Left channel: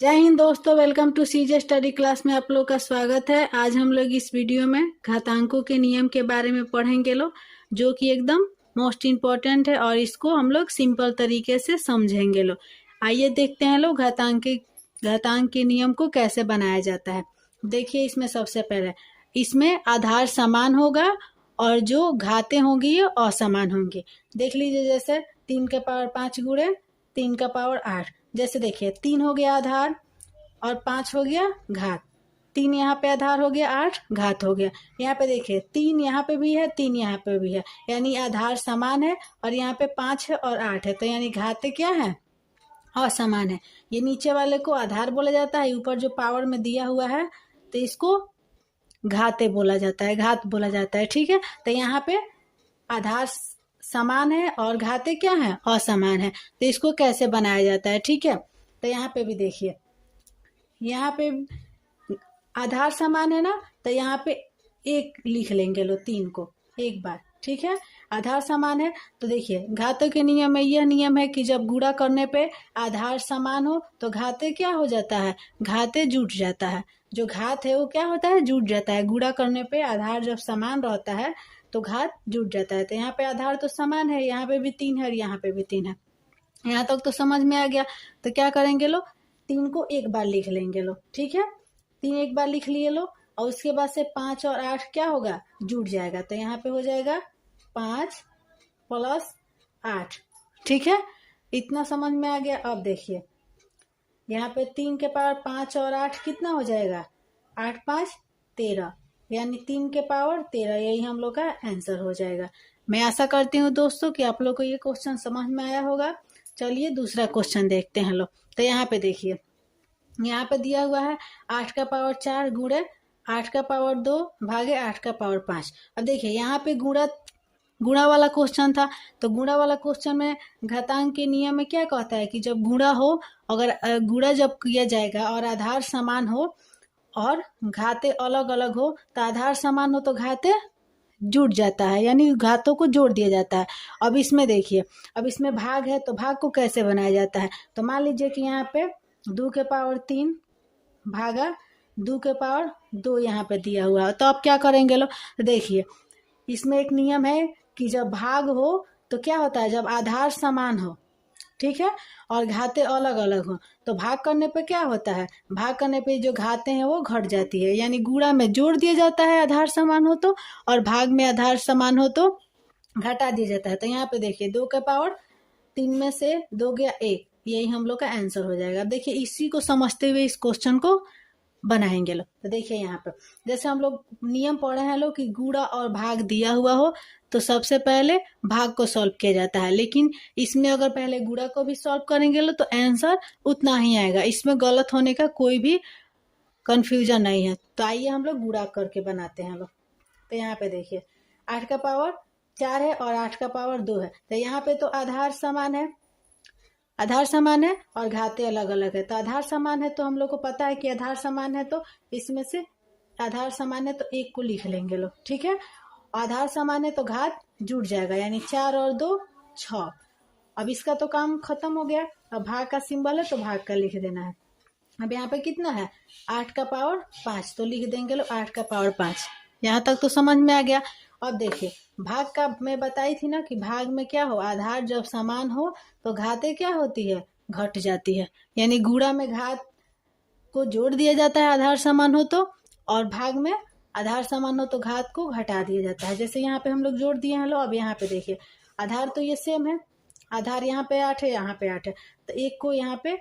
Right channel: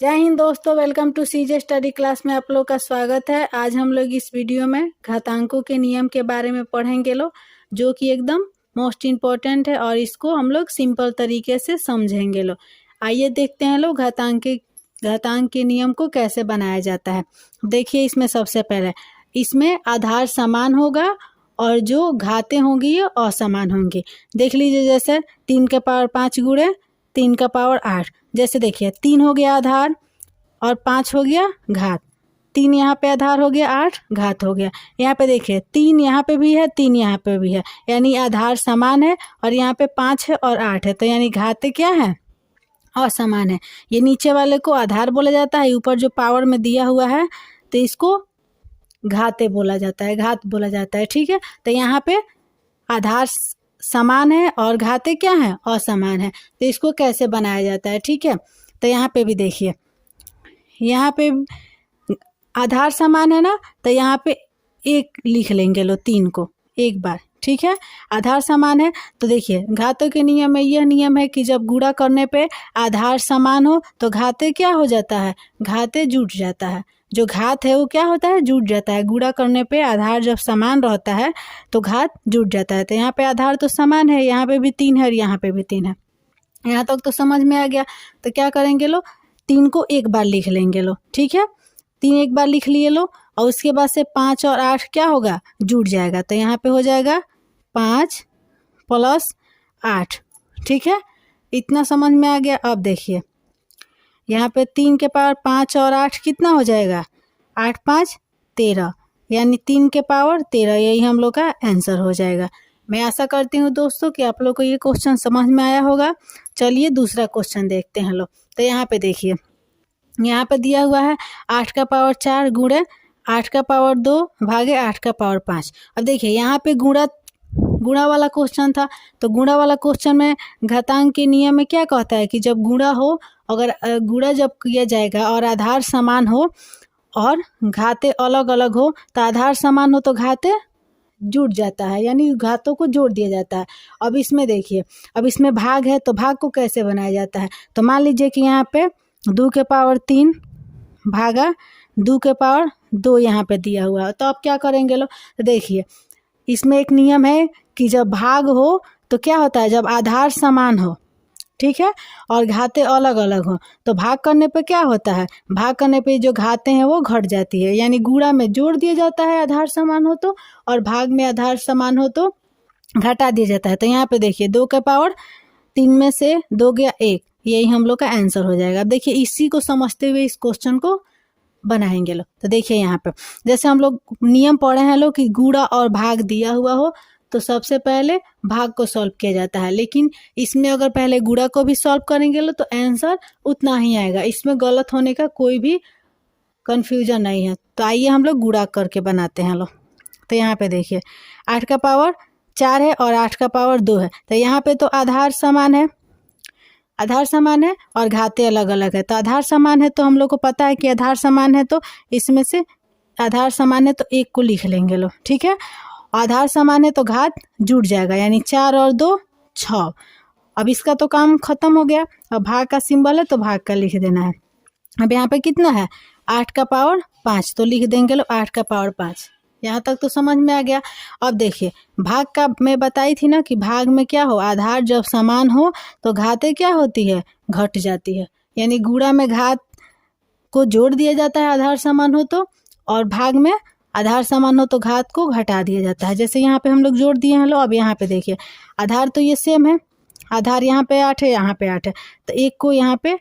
जय हिंद दोस्तों, welcome to CJ study class में आप लोग का स्वागत है। आज हम लोग इस वीडियो में घातांकों के नियम के बारे में पढ़ेंगे जो कि एकदम मोस्ट इम्पॉर्टेंट है और इसको हम लोग सिंपल तरीके से समझेंगे आइए देखते हैं घातांक के नियम को कैसे बनाया जाता है। देखिए, इसमें सबसे पहले इसमें आधार समान होगा और जो घातें होंगी ये असमान होंगी। देख लीजिए, जैसे 3 के पावर 5 गुणे 3 का पावर 8। जैसे देखिए, 3 हो गया आधार और 5 हो गया घात। 3 यहाँ पे आधार हो गया, 8 घात हो गया। यहाँ पे देखिए 3 यहाँ पे भी है, 3 यहाँ पे भी है, यानी आधार समान है और यहाँ पे 5 है और 8 है, तो यानी घातें क्या है, असमान है। ये नीचे वाले को आधार बोला जाता है, ऊपर जो पावर में दिया हुआ है तो इसको घाते बोला जाता है, घात बोला जाता है। ठीक है, तो यहाँ पे आधार समान है और घाते क्या है, असमान है। तो इसको कैसे बनाया जाता है, ठीक है। तो यहाँ पे भी देखिए, यहाँ पे आधार समान है ना, तो यहाँ पे 1 लिख लेंगे 3 को एक बार। ठीक है, आधार समान है तो देखिए घातों के नियम में यह नियम है कि जब गुणा करने पे आधार समान हो तो घाते क्या हो जाता है, घाते जुट जाता है। जो घात है वो क्या होता है, जुट जाता है। गुणा करने पे आधार जब समान रहता है तो घात जुट जाता है। तो यहाँ पे आधार तो समान है, यहाँ पे भी 3 है और यहाँ पे भी 3 है। यहाँ तक तो समझ में आ गया। तो क्या करेंगे 3 को एक बार लिख लेंगे ठीक है, 3 एक बार लिख लिए और उसके बाद से 5 और 8 क्या होगा, जुट जाएगा। तो यहाँ पे हो जाएगा 5 + 8। ठीक है, इतना समझ में आ गया। अब देखिए, यहाँ पे 3 के पावर 5 और 8 कितना हो जाएगा, 8 × 5 = 13, यानी 3 के पावर 13। यही हम लोग का आंसर हो जाएगा। मैं आशा करती हूँ दोस्तों कि आप लोग को ये क्वेश्चन समझ में आया होगा। चलिए दूसरा क्वेश्चन देखते हैं तो यहाँ पे देखिए, यहाँ पे दिया हुआ है 8 का पावर 4 गुणे 8 का पावर 2 भागे 8 का पावर 5। अब देखिए यहाँ पे गुणा वाला क्वेश्चन था, तो गुणा वाला क्वेश्चन में घातांक के नियम में क्या कहता है कि जब गुणा हो, अगर गुणा जब किया जाएगा और आधार समान हो और घाते अलग अलग हो, तो आधार समान हो तो घाते जुट जाता है, यानी घातों को जोड़ दिया जाता है। अब इसमें देखिए, अब इसमें भाग है तो भाग को कैसे बनाया जाता है। तो मान लीजिए कि यहाँ पे 2 के पावर 3 भागा 2 के पावर 2 यहाँ पे दिया हुआ है। तो अब क्या करेंगे तो देखिए, इसमें एक नियम है कि जब भाग हो तो क्या होता है, जब आधार समान हो, ठीक है, और घातें अलग अलग हो, तो भाग करने पे क्या होता है, भाग करने पे जो घातें हैं वो घट जाती है। यानी गुणा में जोड़ दिया जाता है आधार समान हो तो, और भाग में आधार समान हो तो घटा दिया जाता है। तो यहाँ पे देखिए 2 के पावर 3 में से 2 गया 1, यही हम लोग का आंसर हो जाएगा। अब देखिए, इसी को समझते हुए इस क्वेश्चन को बनाएंगे तो देखिए यहाँ पे जैसे हम लोग नियम पढ़े हैं कि गुणा और भाग दिया हुआ हो तो सबसे पहले भाग को सॉल्व किया जाता है, लेकिन इसमें अगर पहले गुणा को भी सॉल्व करेंगे तो आंसर उतना ही आएगा। इसमें गलत होने का कोई भी कंफ्यूजन नहीं है। तो आइए हम लोग गुणा करके बनाते हैं तो यहाँ पे देखिए 8 का पावर 4 है और 8 का पावर 2 है। तो यहाँ पे तो आधार समान है, आधार समान है और घातें अलग अलग है। तो आधार समान है तो हम लोग को पता है कि आधार समान है, तो इसमें से आधार समान है तो 1 को लिख लेंगे ठीक है। आधार समान है तो घात जुट जाएगा, यानी 4 और 2 6। अब इसका तो काम खत्म हो गया। अब भाग का सिंबल है तो भाग का लिख देना है। अब यहाँ पे कितना है, 8 का पावर 5, तो लिख देंगे 8 का पावर 5। यहाँ तक तो समझ में आ गया। अब देखिए, भाग का मैं बताई थी ना कि भाग में क्या हो, आधार जब समान हो तो घातें क्या होती है, घट जाती है। यानी गुणा में घात को जोड़ दिया जाता है आधार समान हो तो, और भाग में आधार समान हो तो घात को घटा दिया जाता है। जैसे यहाँ पे हम लोग जोड़ दिए हैं अब यहाँ पे देखिए, आधार तो ये सेम है, आधार यहाँ पे 8 है, यहाँ पे 8 है, तो 1 को यहाँ पे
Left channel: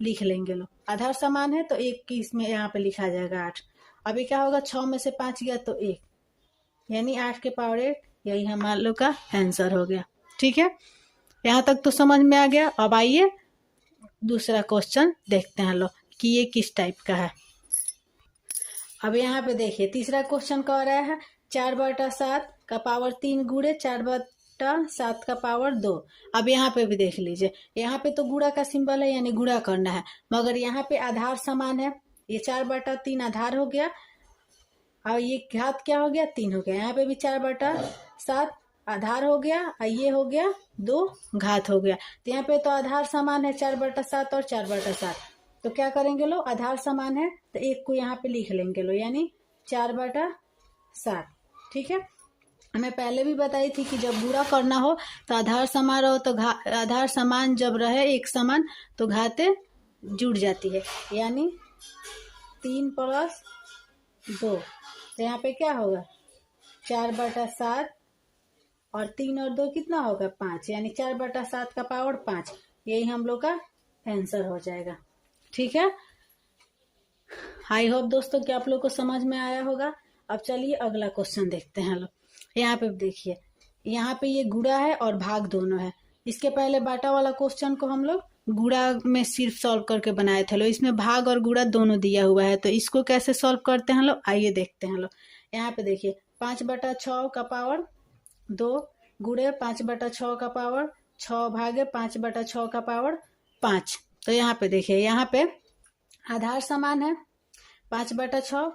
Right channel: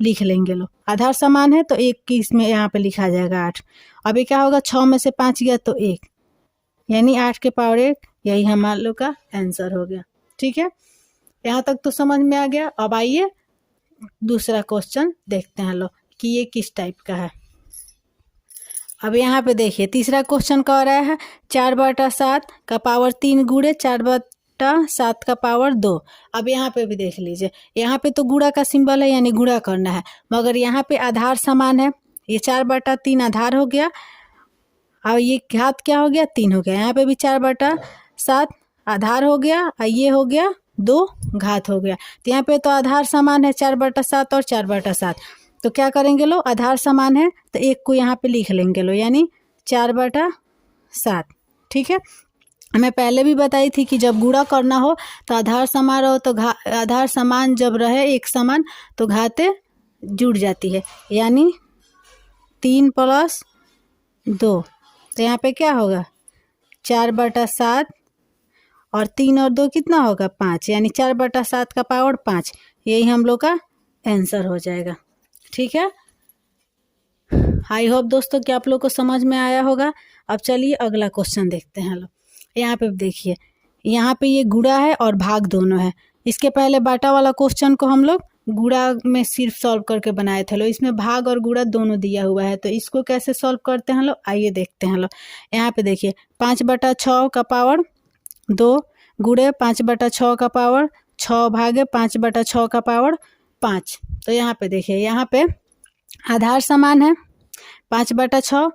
लिख लेंगे आधार समान है तो 1 की इसमें यहाँ पे लिखा जाएगा 8। अभी क्या होगा, 6 में से 5 गया तो 1, यानी 8 के पावर 1, यही हमारे लोग का आंसर हो गया। ठीक है, यहाँ तक तो समझ में आ गया। अब आइए दूसरा क्वेश्चन देखते हैं कि ये किस टाइप का है। अब यहाँ पे देखिए तीसरा क्वेश्चन कह रहा है 4/7 का पावर 3 गुणे 4/7 का पावर 2। अब यहाँ पे भी देख लीजिए, यहाँ पे तो गुणा का सिंबल है, यानी गुणा करना है, मगर यहाँ पे आधार समान है। ये 4/3 आधार हो गया और ये घात क्या हो गया, 3 हो गया। यहाँ पे भी 4/7 आधार हो गया और ये हो गया 2 घात हो गया। तो यहाँ पे तो आधार समान है 4/7 और 4/7, तो क्या करेंगे लो, आधार समान है तो 1 को यहाँ पे लिख लेंगे लो, यानी 4/7। ठीक है, मैं पहले भी बताई थी कि जब गुणा करना हो तो आधार समान रहो तो आधार समान जब रहे एक समान तो घाते जुड़ जाती है, यानी 3 + 2, तो यहाँ पे क्या होगा 4/7 और 3 और 2 कितना होगा 5, यानी 4/7 का पावर 5। यही हम लोग का आंसर हो जाएगा। ठीक है, आई होप दोस्तों कि आप लोग को समझ में आया होगा। अब चलिए अगला क्वेश्चन देखते हैं लोग। यहाँ पे देखिए, यहाँ पे ये गुणा है और भाग दोनों है। इसके पहले बाटा वाला क्वेश्चन को हम लोग गुणा में सिर्फ सॉल्व करके बनाए थे लोग, इसमें भाग और गुणा दोनों दिया हुआ है, तो इसको कैसे सॉल्व करते हैं लोग, आइए देखते हैं लोग। यहाँ पे देखिए 5/6 का पावर 2 गुणे 5/6 का पावर 6 भागे 5/6 का पावर 5। तो यहाँ पे देखिए, यहाँ पे आधार समान है 5/6,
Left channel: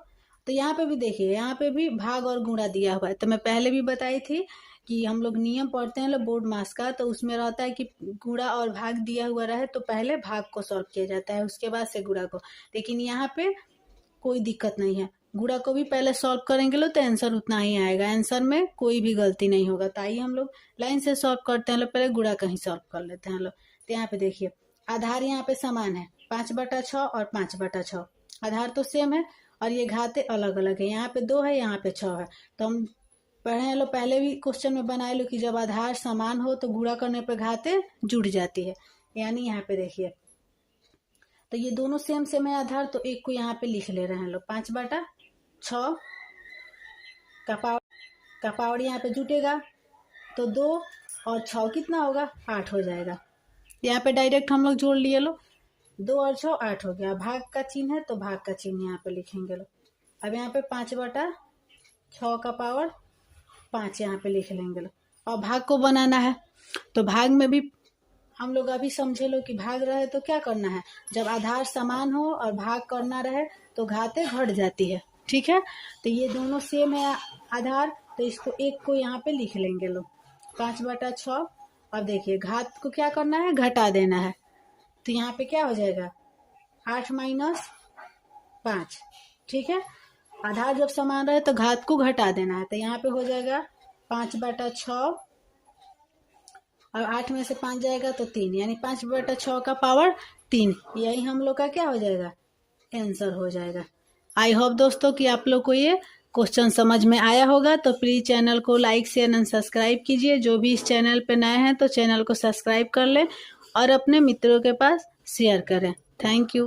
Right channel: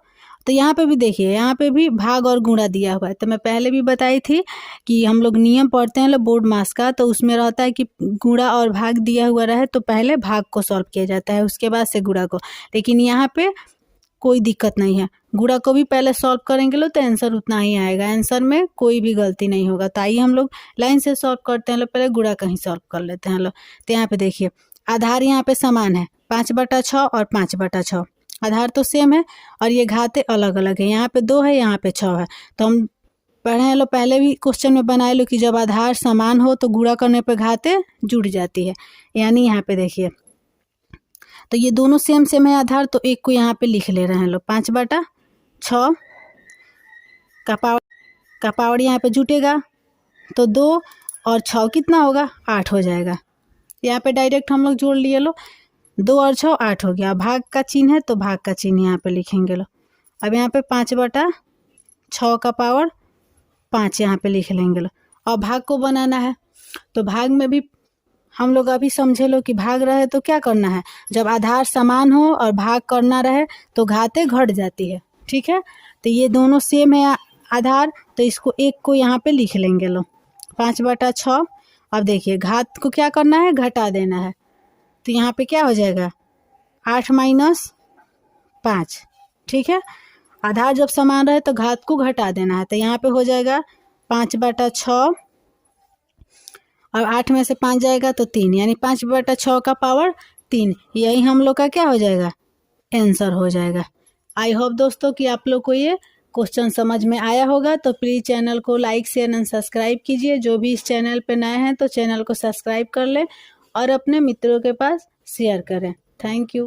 तो यहाँ पे भी देखिए, यहाँ पे भी भाग और गुणा दिया हुआ है। तो मैं पहले भी बताई थी कि हम लोग नियम पढ़ते हैं लोग बोर्ड मास का, तो उसमें रहता है कि गुणा और भाग दिया हुआ रहे तो पहले भाग को सॉल्व किया जाता है, उसके बाद से गुणा को। लेकिन यहाँ पे कोई दिक्कत नहीं है, गुणा को भी पहले सॉल्व करेंगे लो तो आंसर उतना ही आएगा, आंसर में कोई भी गलती नहीं होगा। तो आइए हम लोग लाइन से सॉल्व करते हैं लोग, पहले गुणा का ही सॉल्व कर लेते हैं लोग। तो यहाँ पे देखिए आधार यहाँ पे समान है 5/6 और 5/6, आधार तो सेम है और ये घाते अलग अलग है, यहाँ पे 2 है यहाँ पे 6 है। तो हम पढ़े हैं लो, पहले भी क्वेश्चन में बनाए लो कि जब आधार समान हो तो गुणा करने पे घाते जुड़ जाती है, यानी यहाँ पे देखिए तो ये दोनों सेम सेम है आधार, तो 1 को यहाँ पे लिख ले रहे हैं लोग। 5/6 का पावर यहाँ पे जुटेगा तो 2 और 6 कितना होगा 8 हो जाएगा। यहाँ पे डायरेक्ट हम लोग जोड़ लिए लो, 2 और 6 8 हो गया। भाग का चिन्ह है तो भाग का चिन्ह यहाँ पे लिखेंगे लो। अब यहाँ पे 5/6 का पावर 5 यहाँ पे लिख लेंगे लो। और भाग को बनाना है तो भाग में भी हम लोग अभी समझे लो कि भाग रहे तो क्या करना है, जब आधार समान हो और भाग करना रहे तो घाते घट जाती है। ठीक है, तो ये दोनों सेम है आधार, तो इसको 1 को यहाँ पे लिख लेंगे लो 5/6। अब देखिए घात को क्या करना है, घटा देना है, तो यहाँ पे क्या हो जाएगा 8 - 5। ठीक है, आधार जब समान रहे तो घात को घटा देना है, तो यहाँ पे हो जाएगा 5/6 और 8 में से 5 जाएगा तो 3, यानी 5/6 का पावर 3। यही हम लोग का क्या हो जाएगा आंसर हो जाएगा। आई होप दोस्तों कि आप लोग को ये क्वेश्चन समझ में आया होगा। तो प्लीज़ चैनल को लाइक शेयर एंड सब्सक्राइब कीजिए। जो भी इस चैनल पे नए हैं तो चैनल को सब्सक्राइब कर लें और अपने मित्रों के पास शेयर करें। Thank you.